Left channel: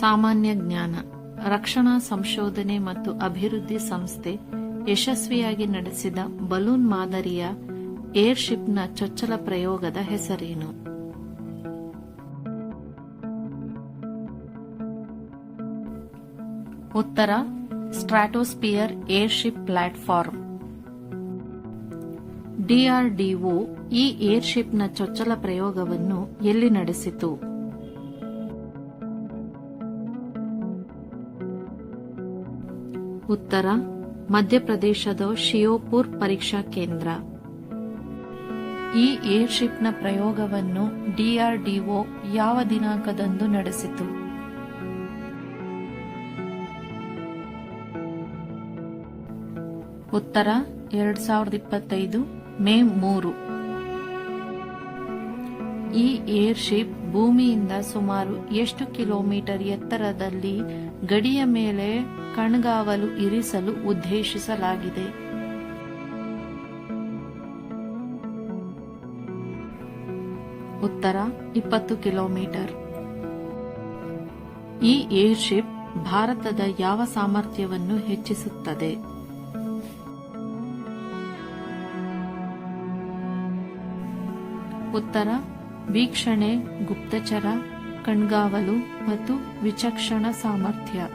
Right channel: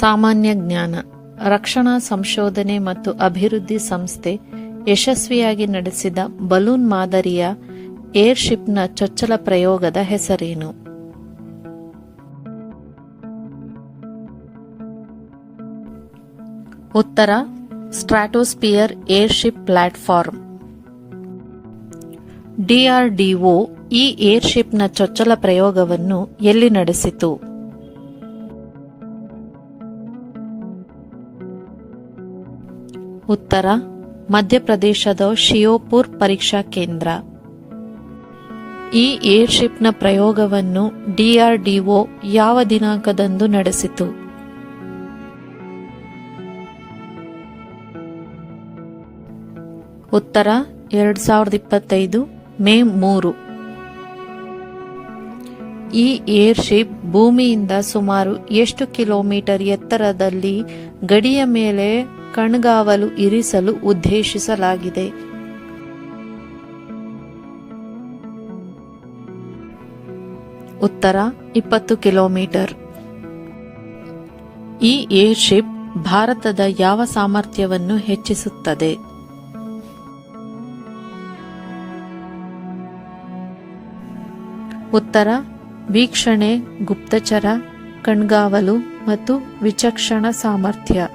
ಸಾಮಾನ್ಯ ಜ್ಞಾನ, ರಕ್ಷಣಾ ಸಂಶೋಧನೆ ಮತ್ತು ಅಭಿವೃದ್ಧಿ ಸಂಸ್ಥೆ ಯಶಸ್ವಿಯಾಗಿ ನಡೆಸಿದ ಬಲೂನ್ ಮಾದರಿಯ ಏರ್ಶಿಪ್ನ ಚೊಚ್ಚಲ ಪ್ರಯೋಗದ ಹೆಸರೇನು? ಉತ್ತರ, ಸ್ಟ್ರಾಟೋಸ್ಪಿಯರ್ ಏರ್ಶಿಪ್ ಪ್ಲಾಟ್ಫಾರ್ಮ್. ಡಿಆರ್ಡಿಒ ಈ ಏರ್ಶಿಪ್ನ ಚೊಚ್ಚಲ ಪ್ರಯೋಗವನ್ನು ಎಲ್ಲಿ ನಡೆಸಿತು? ಉತ್ತರ, ಮಧ್ಯಪ್ರದೇಶದ ಶಿಯೋಪುರ್ ಪರೀಕ್ಷಾ ಕೇಂದ್ರ. ಈ ಏರ್ಶಿಪ್ನ ಪ್ರಯೋಗವನ್ನು ಡಿಆರ್ಡಿಒ ಯಾವ ದಿನಾಂಕದಂದು ನಡೆಸಿತು? ಉತ್ತರ, ಎರಡ್ ಸಾವಿರದ ಇಪ್ಪತ್ತೈದು, ಮೇ ಮೂರು. ಈ ಏರ್ಶಿಪ್ ಭೂಮಿಯಿಂದ ಸುಮಾರು ಎಷ್ಟು ಕಿಲೋಮೀಟರ್ ಎತ್ತರದಲ್ಲಿ ಗಡಿಯ ಮೇಲೆ ಕಣ್ಗಾವಲು ಇರಿಸಲು ಉದ್ದೇಶಿಸಲಾಗಿದೆ. ಉತ್ತರ, ಇಪ್ಪತ್ತು ಕಿಲೋಮೀಟರ್. ಈ ಏರ್ಶಿಪ್ ಭಾರತದ ಯಾವ ಸಾಮರ್ಥ್ಯವನ್ನು ಹೆಚ್ಚಿಸುತ್ತದೆ? ಉತ್ತರ, ವೀಕ್ಷಣೆ, ಗುಪ್ತಚರ, ಕಣ್ಗಾವಲು ಮತ್ತು ವಿಚಕ್ಷಣ ಸಾಮರ್ಥ್ಯ.